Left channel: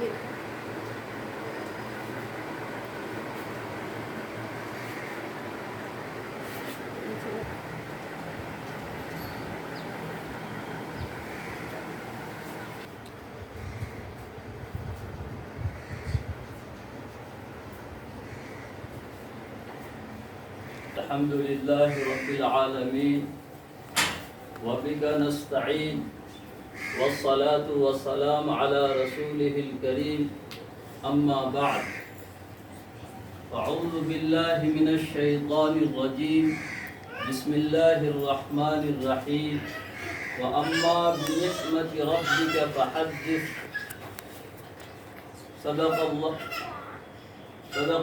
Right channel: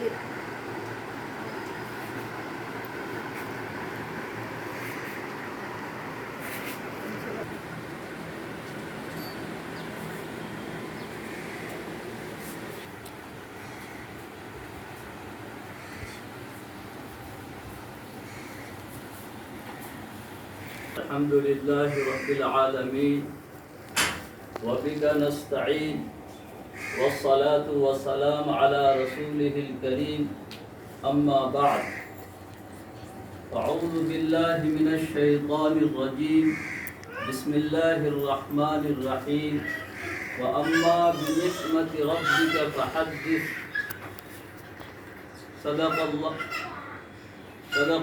الحمد لله رب العالمين وبك نستعين والصلاة والسلام على رسوله الكريم أما بعد أعوذ بالله من الشيطان الرجيم بسم الله الرحمن الرحيم وأما بنعمة ربك فحدث صدق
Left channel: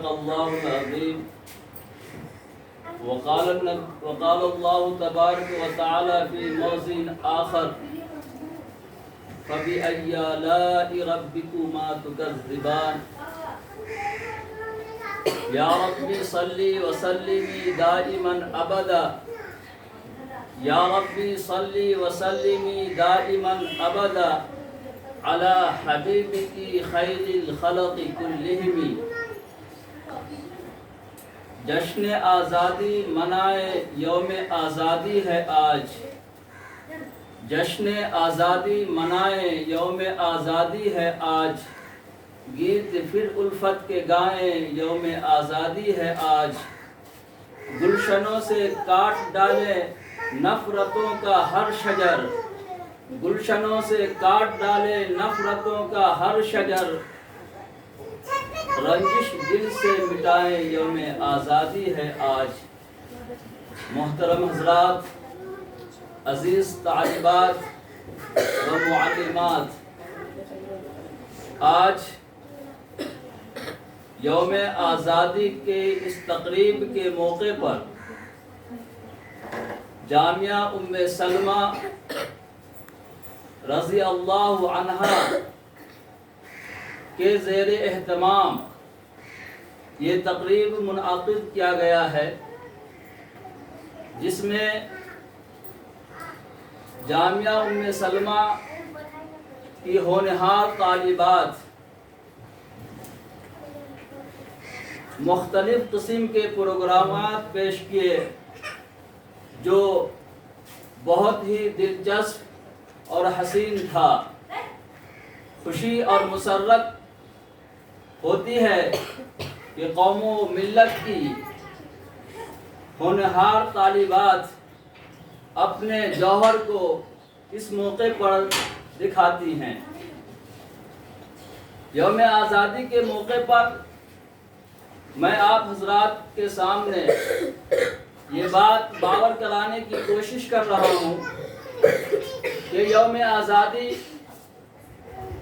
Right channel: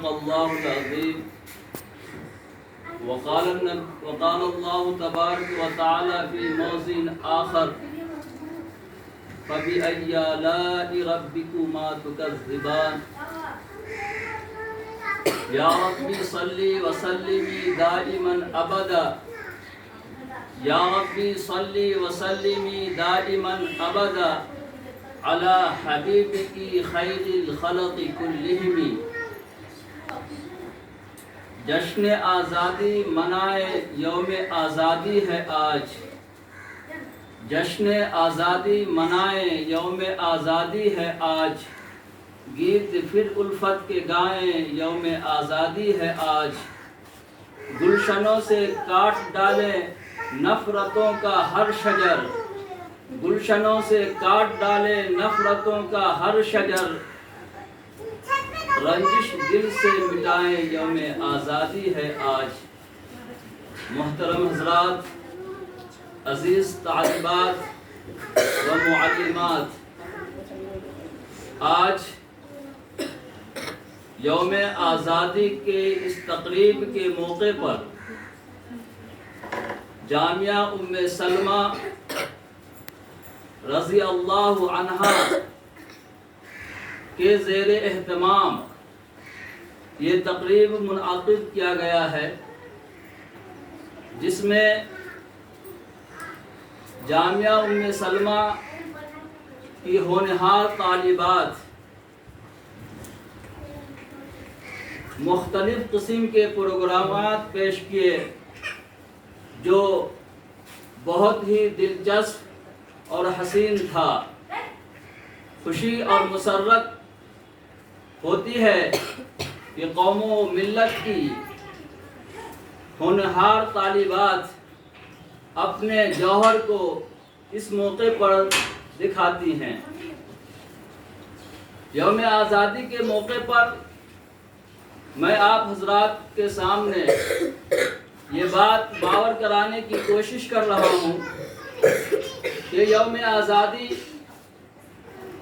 الله العظيم وقال الله تبارك وتعالى في موضع آخر فبأي آلاء ربكما تكذبان يا ربي صل وسلم دائما أبدا يا ربي صل وسلم دائما أبدا على حبيبك خير الخلق كلهم جشن آزادی منائے یوم آزادی ہے آج جشن آزادی منائے یوم آزادی ہے آج گیت پھر الفت کے گائیں یوم آزادی ہے آج گلشنوں سے کاٹ ڈالے نفرتوں کا ہر شجر گلشنوں سے کاٹ ڈالے نفرتوں کا ہر شجر رنجش دل سے مٹائے یوم آزادی ہے آج محترم حضرات عزیز طالبات و معلمات آج یوم آزادی کے اس تقریب کے موقع پر جامعہ ام سلمہ رضی اللہ عنہا کے زیر اہتمام یہ تقریب منعقد کیا گیا ہے جس میں جامعہ ام سلمہ کی ہونہار طالبات مختلف قسم کے پروگرامات پیش کیے جو بہت ہی دلچسپ اور حسین تھا خوشی اور مسرت ہوتی ہے کہ قوم و ملت کی ہونہار طالبات اپنے جوہر کو اس موقع پر دکھاتی ہیں یوم آزادی کے موقع پر میں آپ حضرات کے سامنے یہ بات باور کرانے کی کوشش کر رہا ہوں کہ یوم آزادی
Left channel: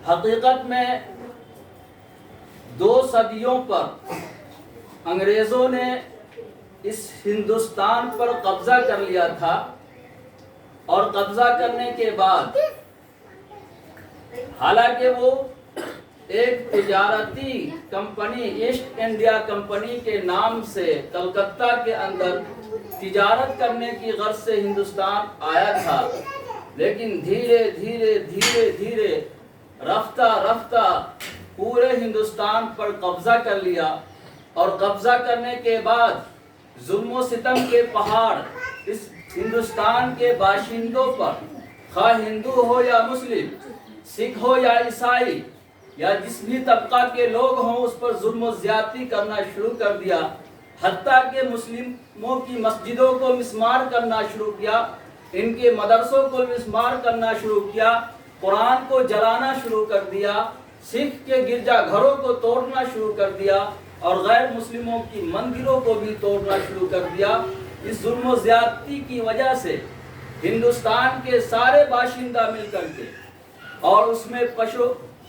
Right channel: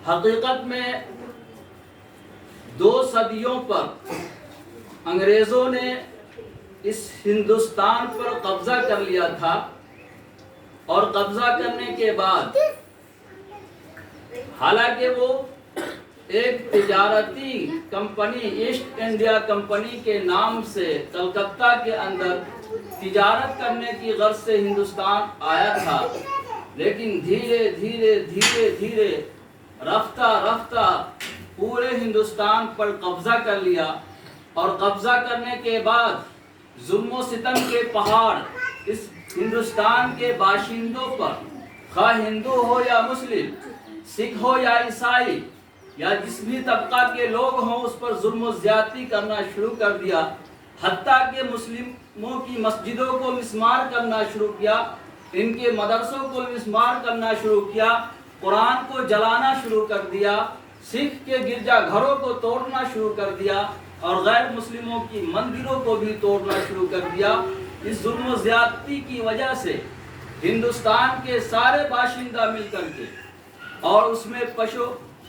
حقیقت میں 2 صدیوں پر انگریزوں نے اس ہندوستان پر قبضہ کر لیا تھا اور قبضہ کرنے کے بعد حالانکہ وہ ایک تجارتی کمپنی ایسٹ انڈیا کمپنی کے نام سے کلکتہ کے اندر تجارت کرنے کی غرض سے ہندوستان آیا تھا لیکن دھیرے دھیرے رفتہ پورے ہندوستان پر قبضہ کر لیا اور قبضہ کرنے کے بعد ظلم و ستم کے پہاڑ اس ہندوستان کے باشندوں پر خواہ ہندو ہو یا مسلم سکھ ہو یا عیسائی یا جس بھی طبقہ کے لوگ ہوں اس پر ظلم و زیادتی کرنا شروع کر دیا حتیٰ کہ مسلموں کی مسجدوں کو مسمار کرنا شروع کیا ان کے مدرسوں کو مسمار کرنا شروع کیا قرآن کو جلانا شروع کر دیا سکھ کے گرجا گھروں کو توڑنا شروع کر دیا اور غیر مسلموں کی مندروں کو بھی توڑنا شروع کر دیا اس ظلم و زیادتی کی وجہ سے ہندوستان کے سارے باشندہ مل کر کے اور اس میں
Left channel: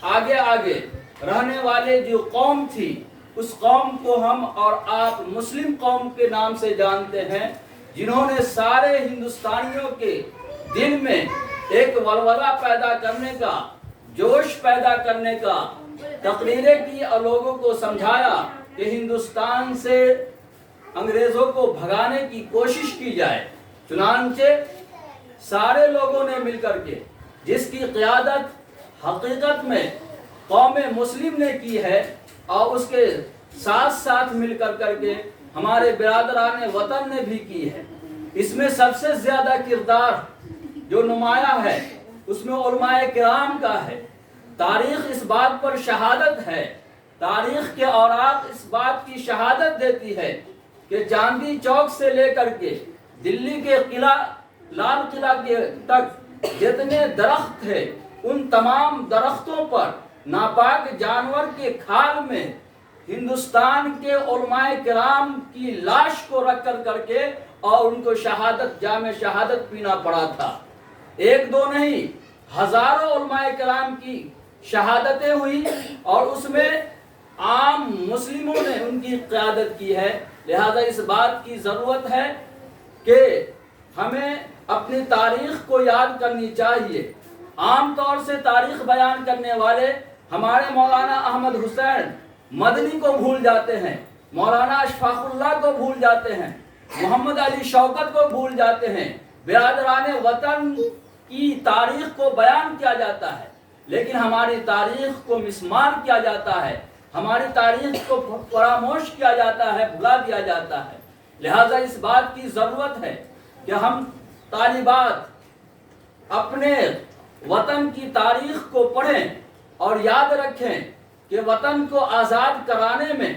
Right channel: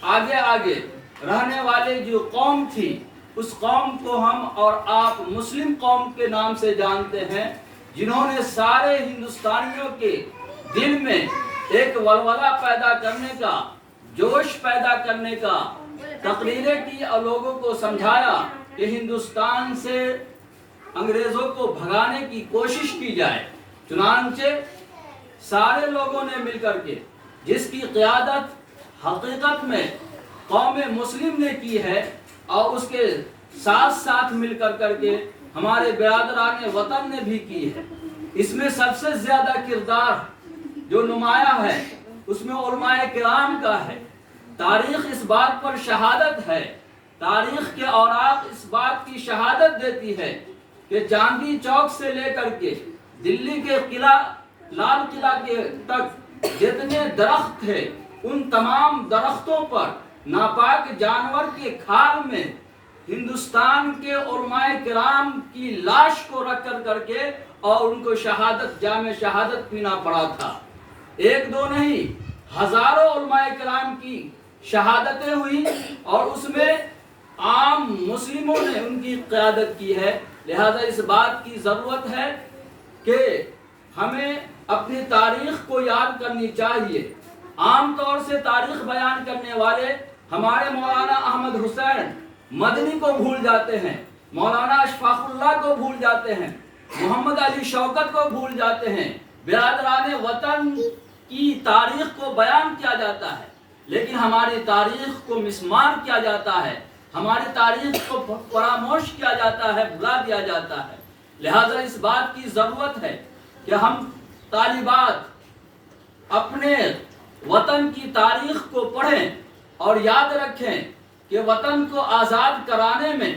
آگے رہنے والے جو قوم تھی اس قوم کو ہم اور آپ مسلم قوم کے نام سے جانتے ہیں جنہوں نے سارے ہندوستانیوں کے دل میں ایک ولولہ پیدا کرنے کا جوش پیدا کرنے کا تقریریں کی اور لوگوں کو سمجھایا کہ ہندوستان سے انگریزوں کو بھگانے کی کوشش کی جائے چنانچہ سارے لوگوں نے مل کر کے جس کی قیادت حقیقت میں قوم مسلم نے کی ہے اور اس کے ساتھ ساتھ مل کر کے ہمارے برادران وطن نے بھی کی ہے۔ اس میں سب سے زیادہ کردار جو نمایاں ہے اس میں علماء کرام کا ہے۔ تاریخ اس بات پر شہادت ہے، تاریخ کے اوراق اس بات کی شہادت دیتی ہے کہ چاندنی چوک سے لے کر کے دلی کے قلعہ لال قلعہ کے تک جتنے درخت تھے ان تمام درختوں پر ناپاک جانور کے کھال میں ہندوستان کے علماء کرام کی لاش کو رکھ کر کے اور ان کو شہادت جام شہادت پینا پڑا تھا۔ ایک دو نہیں، ہزاروں علماء کرام کی شہادتیں ہوئی اور اس میں عام مسلموں نے ان کی قیادت کی ہے۔ لہذا اس بات کی ضرورت ہے کہ ہمیں اپنی تاریخ کو یاد کرنی چاہیے۔ عام طور سے تاریخ بیان کرنے والے ہمارے مولانا احمد حسین مدنی کو بھول جاتے ہیں، مولانا اشفاق اللہ کو بھول جاتے ہیں، محمد علی شوکت کو بھول جاتے ہیں۔ برادران وطن کی تاریخ کو بیان کیا جاتا ہے لیکن ہماری تاریخ کو مسمار کیا جاتا ہے، ہماری تاریخ کو فراموش کیا جاتا ہے، بھلا دیا جاتا ہے۔ لہٰذا اس بات کی ضرورت ہے کہ ہم طالبات اپنے وطن کی تاریخ کو پڑھیں اور یاد رکھیں کہ وطن کو آزاد کرانے میں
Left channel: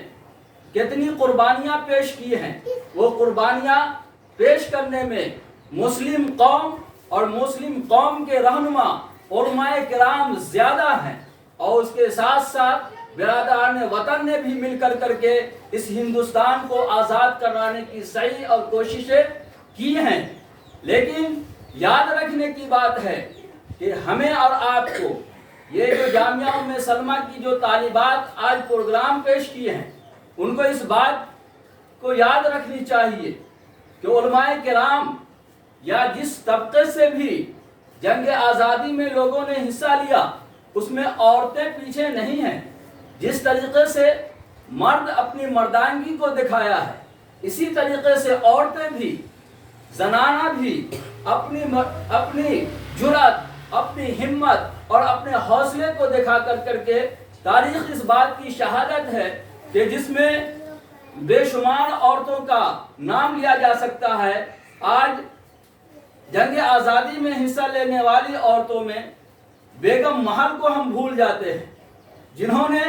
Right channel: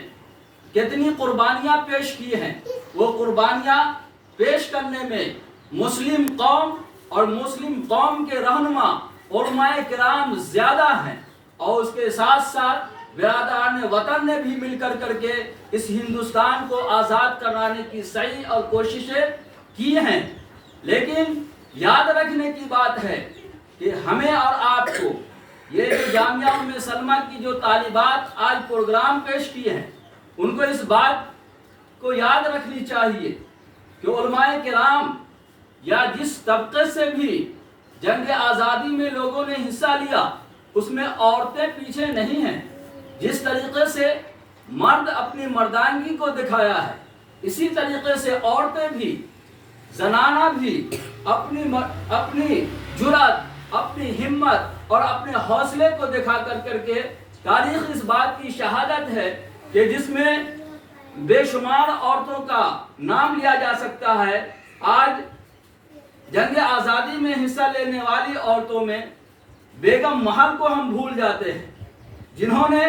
کتنی قربانیاں پیش کی ہیں۔ وہ قربانیاں پیش کرنے میں مسلم قوم اور مسلم قوم کے رہنما علماء کرام زیادہ ہیں اور اس کے ساتھ ساتھ برادران وطن نے بھی مل کر کے اس ہندوستان کو آزاد کرانے کی سعی اور کوششیں کی ہیں۔ لیکن یاد رکھنے کی بات ہے کہ ہمیں اور آپ کو یہ جو جامعہ ام سلمہ کی جو طالبات آج پروگرام پیش کیے ہیں ان کو اس بات کو یاد رکھنی چاہیے کہ علماء کرام یا جس طبقے سے بھی جنگ آزادی میں لوگوں نے حصہ لیا اس میں عورتیں پیچھے نہیں ہیں۔ جس طریقے سے مرد اپنی مردانگی کو دکھایا ہے اسی طریقے سے عورتیں بھی، زنانہ بھی اپنی جرأت، اپنی ہمت اور اپنے حوصلے کو دکھا کر کے تاریخ اس بات کی شہادت ہے کہ جس میں بے شمار عورتوں کا نام لیا جا سکتا ہے۔ آج جنگ آزادی میں حصہ لینے والی عورتوں میں بیگم محل کو ہم بھول جاتے ہیں جنہوں نے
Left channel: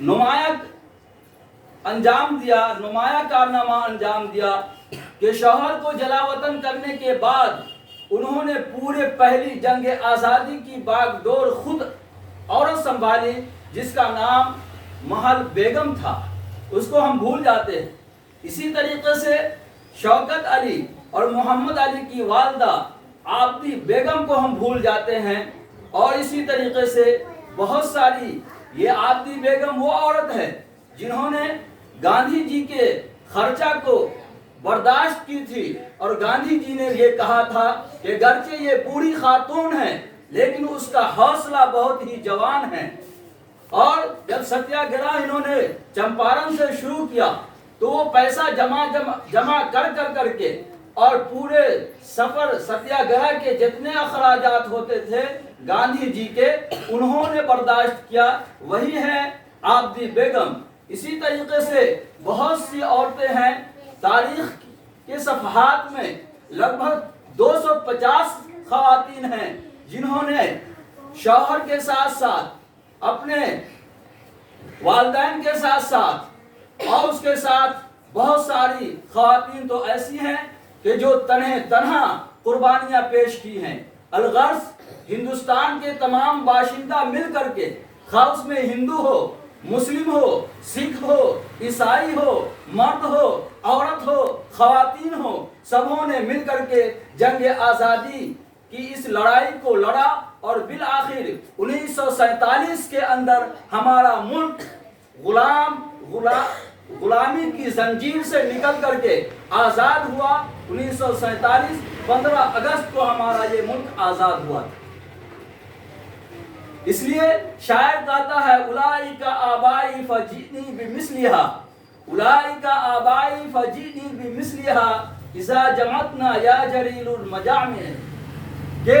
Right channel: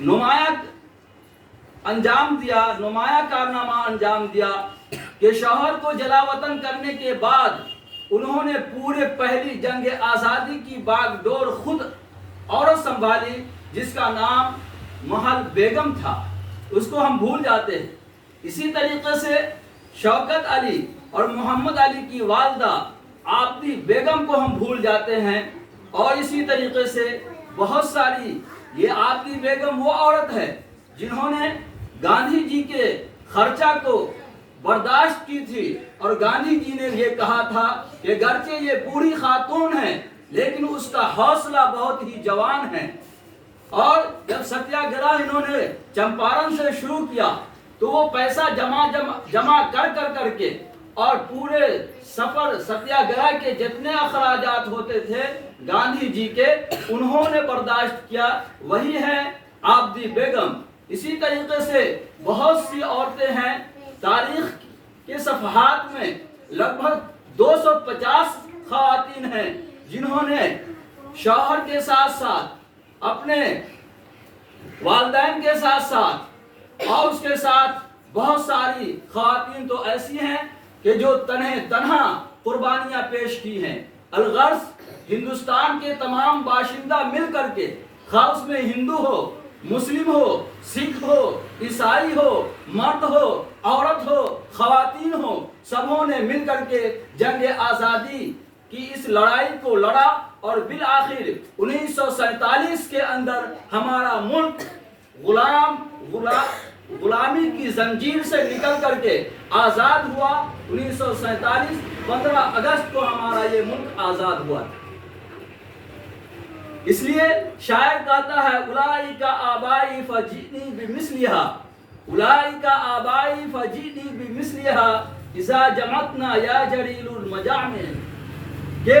نمایاں کارنامہ انجام دیا کہ شوہر کو جلا وطن کرنے کے بعد انہوں نے پورے پہلی جنگ آزادی کی باغ ڈور خود عورت سنبھالی جس کا نام محل بیگم تھا، اس کو ہم بھول جاتے ہیں۔ اسی طریقے سے شوکت علی اور محمد علی کی والدہ آبدی بیگم کو ہم بھول جاتے ہیں، اور اسی طریقے سے بہت ساری یہ آبدی بیگم وہ عورت ہے جنہوں نے گاندھی جی کے خرچہ کو برداشت کی تھی اور گاندھی جی نے یہ کہا تھا کہ گرچہ یہ بوڑھی خاتون ہے لیکن اس کا حوصلہ بہت ہی جوان ہے۔ اور جب ستیہ گرہ انہوں نے چمپارن سے شروع کیا تو وہ پیسہ جمع کر کے اور پورے سفر ستیہ گرہ کے جتنے اخراجات ہوتے تھے گاندھی جی کے انہوں نے برداشت کیا، وہی ہے آبدی بیگم۔ اسی طریقے سے بہت سی عورتیں ہیں، تاریخ کے صفحات میں لگ بھگ 250 خواتین ہیں جنہوں نے شوہر کے ساتھ ساتھ اپنے والدین کے ساتھ ساتھ اور اس کے ساتھ بہت ساری خواتین تو ایسی ہیں کہ جو تنہا قربانیاں پیش کی ہیں۔ الغرض ہندوستان کے تمام باشندہ مل کر کے، خاص اس میں ہندو ہو، مسلم ہو، سکھ ہو، عیسائی ہو، مرد ہو، عورت ہو، خواتین ہو، سبوں نے مل کر کے جنگ آزادی کی اس لڑائی کو لڑا اور بالآخر 1947 کے اندر ہمارا ملک غلامی کی زنجیر سے نکل کر کے آزاد ہوا۔ 1947 15 اگست کو ہمارا یہ ملک آزاد ہوا۔ اس لیے شاعر کہتا ہے اولئک آبائی فجئنی بمثلھا، اولئک آبائی فجئنی بمثلھا اذا جمعتنا یا جلیل المجامع، کہ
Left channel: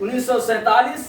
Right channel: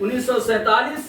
1947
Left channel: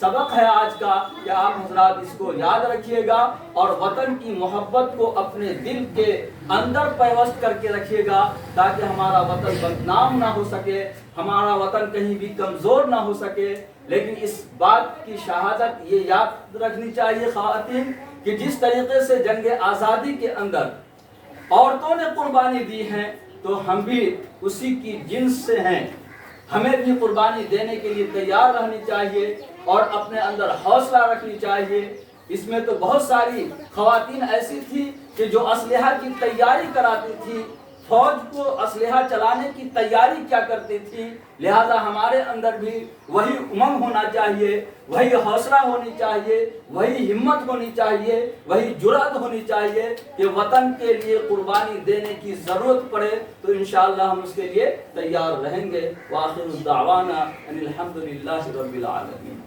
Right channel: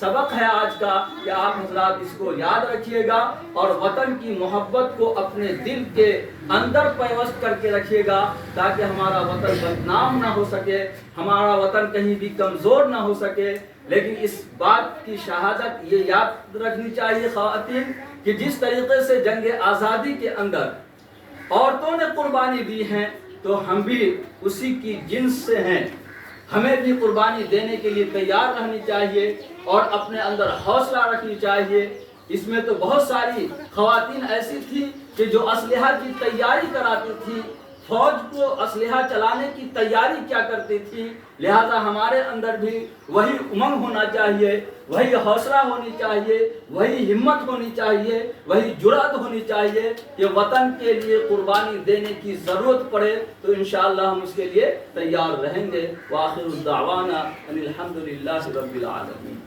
سبق ہے آج کا کہ آپ حضرات اس کو یاد رکھیے گا اور وطن کی محبت کو اپنے دل کے اندر پیوست کر کے رکھیے گا تاکہ ہمارا وطن بدنام نہ ہو سکے، ہمارا وطن کہیں بھی کمزور نہ ہو سکے۔ لیکن اس بات کی شہادت یہ یاد رکھنی چاہیے خواتین کہ جس طریقے سے جنگ آزادی کے اندر عورتوں نے قربانی دی ہے تو ہم بھی اسی کی جنس سے ہیں، ہمیں بھی قربانی دینے کے لیے تیار رہنی چاہیے اور اپنے اندر حوصلہ رکھنی چاہیے۔ اس میں تو بہت ساری خواتین ایسی تھی کہ جو اسلحہ کی تیاری کراتی تھی، فوج کو اسلحہ چلانے کی تیاری کیا کرتی تھی۔ لہذا ہمارے اندر بھی وہی امنگ ہونا چاہیے، وہی حوصلہ ہونی چاہیے، وہی ہمت ہونی چاہیے، وہی جرأت ہونی چاہیے کہ وطن کے لیے قربانی دینے کی ضرورت پڑے تو انشاءاللہ ہم اس کے لیے تیار رہیں گے۔ وآخر الدعوانا ان الحمد للہ رب العالمین۔